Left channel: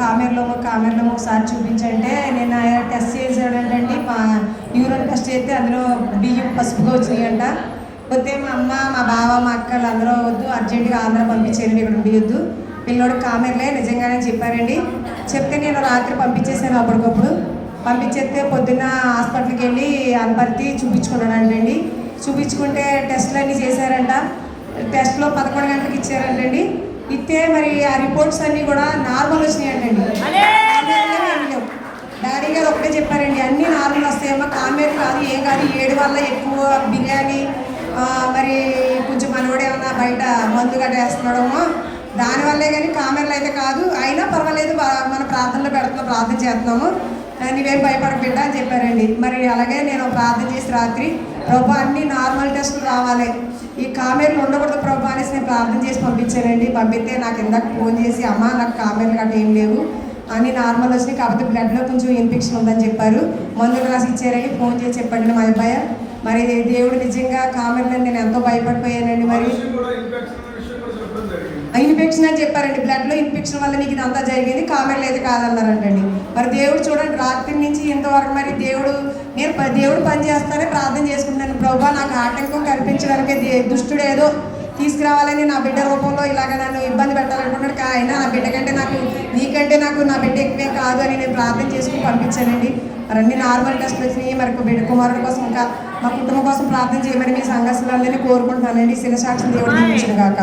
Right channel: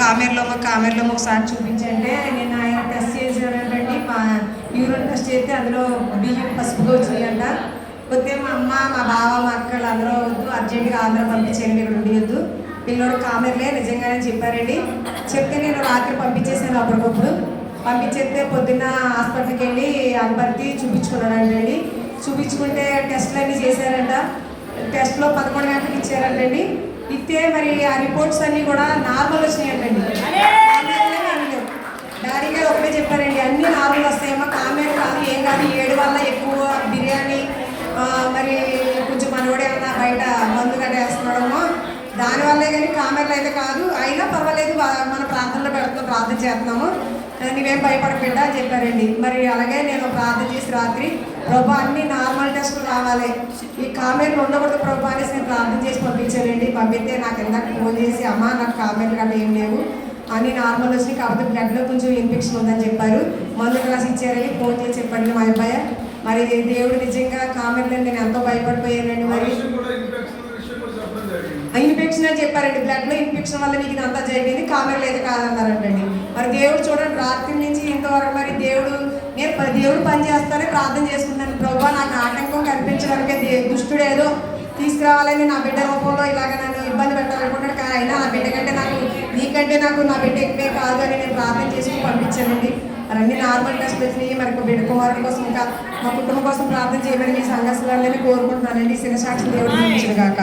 కామెర్లో కామెర్లో ఒకసారి చూపించంటే నేను ఆయన టెస్ట్ చేశాడంటండి మా యూరిన్ టెస్ట్ చేస్తే అందులో బియ్యం పసుపుగా వచ్చినాయంట పోతే మా అమ్మ మా బావ మా అక్కలు అందరూ వద్దు అర్జెంటుగా ఆంధ్ర పంపించేయండి ఇక్కడ ఉండొద్దు పిల్లోడు కామెర్లే నిజంగానే చెప్పారండి. చెప్తే నేను రాత్రి పంపించేసాను అప్పటికప్పుడు. పంపించేస్తే పొద్దున్న హాస్పిటల్కి వెళ్ళి అనుపర్తి చూపించుకున్నాడంటండి. చూపించుకుంటే టెస్ట్లు అన్నీ చేశారంట. టెస్ట్లో పదకొండు గంటలకు ఇచ్చారంటండి. ఇస్తే మరి ఆ రిపోర్ట్స్ అన్నీ కూడా నార్మల్ వచ్చినాయంటండి. డాడీ గారు ఒకటే చెప్పారండి అన్ని నార్మల్ వస్తాయేమో కామెర్ కాదు ఏం కాదు ఏడు వల్ల ఎక్కువ బిర్యానీ మరి కొంచెం మనోడు ఏమన్నా బయట మందు గట్ట వేస్తున్నాడేమో. దానివల్లే కానీ కామెర్లు అయితే కాదు అయినా పర్వాలేదు మన ప్రార్థనలో పెడుతున్నాం ప్రార్థన చేస్తున్నాము. నీవేం భయపడబిడ్డ అని చెప్పారండి. మరి అలాగే నేను ప్రార్థన చేసి రాత్రి ప్రభా అన్ని నార్మల్ టెస్టులు రావాలి. ఈ కామెర్లు ఉండకూడదు చేసి పంపించానండి పంపిస్తే నాకు ఇందాక ఫోన్ చేసి అమ్మ నాకు కామెర్లు గట్ట ఏం లేవు. అని నార్మల్ వచ్చినాయి. కాకపోతే బ్లడ్లో కొంచెం ఇన్ఫెక్షన్ ఉందని చెప్పారు. మందులు రాసి ఇచ్చారని ఫోన్ చేసి చెప్పండి మా అబ్బాయి. మరి దేవుడు నిజంగా కామెర్లు నేను ఎంతో భయపడిపోయానండి మరి. ఇన్ఫెక్షన్ అని చెప్పారండి. బ్లడ్లో ఇన్ఫెక్షన్ వల్ల నీకు ఇదంతా జరిగింది. కామెర్లు అయితే కాదన్నారంటండి. మరి దేవుడు చూడండి రాత్రి నుంచి ఇంతవరకు మరి దేవుడు నేను దేవుడు పని చేస్తానే ప్రార్థన చేసుకుంటాను ప్రభా నాకు ఆటంకం కనిపించడానికి దే- దుష్టుడు ఏదో తీసుకురావాలని నా బిడ్డ రూపంలో ఇలాగ నన్ను ఇబ్బంది పెట్టాలనుకున్నాడు. కానీ అయినా నా బిడ్డ కంటే నాకు నీకంటే నాకు నా బిడ్డ ఎక్కువే కాదు అని నేను ప్రార్థన చేసుకుని పంపించానండి. మరి అన్ని నార్మల్ టెస్ట్లు వచ్చినాయి. మరి బిడ్డ కుమారుల కోసం ఇంకా మా కుటుంబం కోసం ప్రార్థన చేయమని మీ సంఘస్థులందరినీ కోరుకుంటున్నానండి. శిరసాక్షి దేవుడు కాక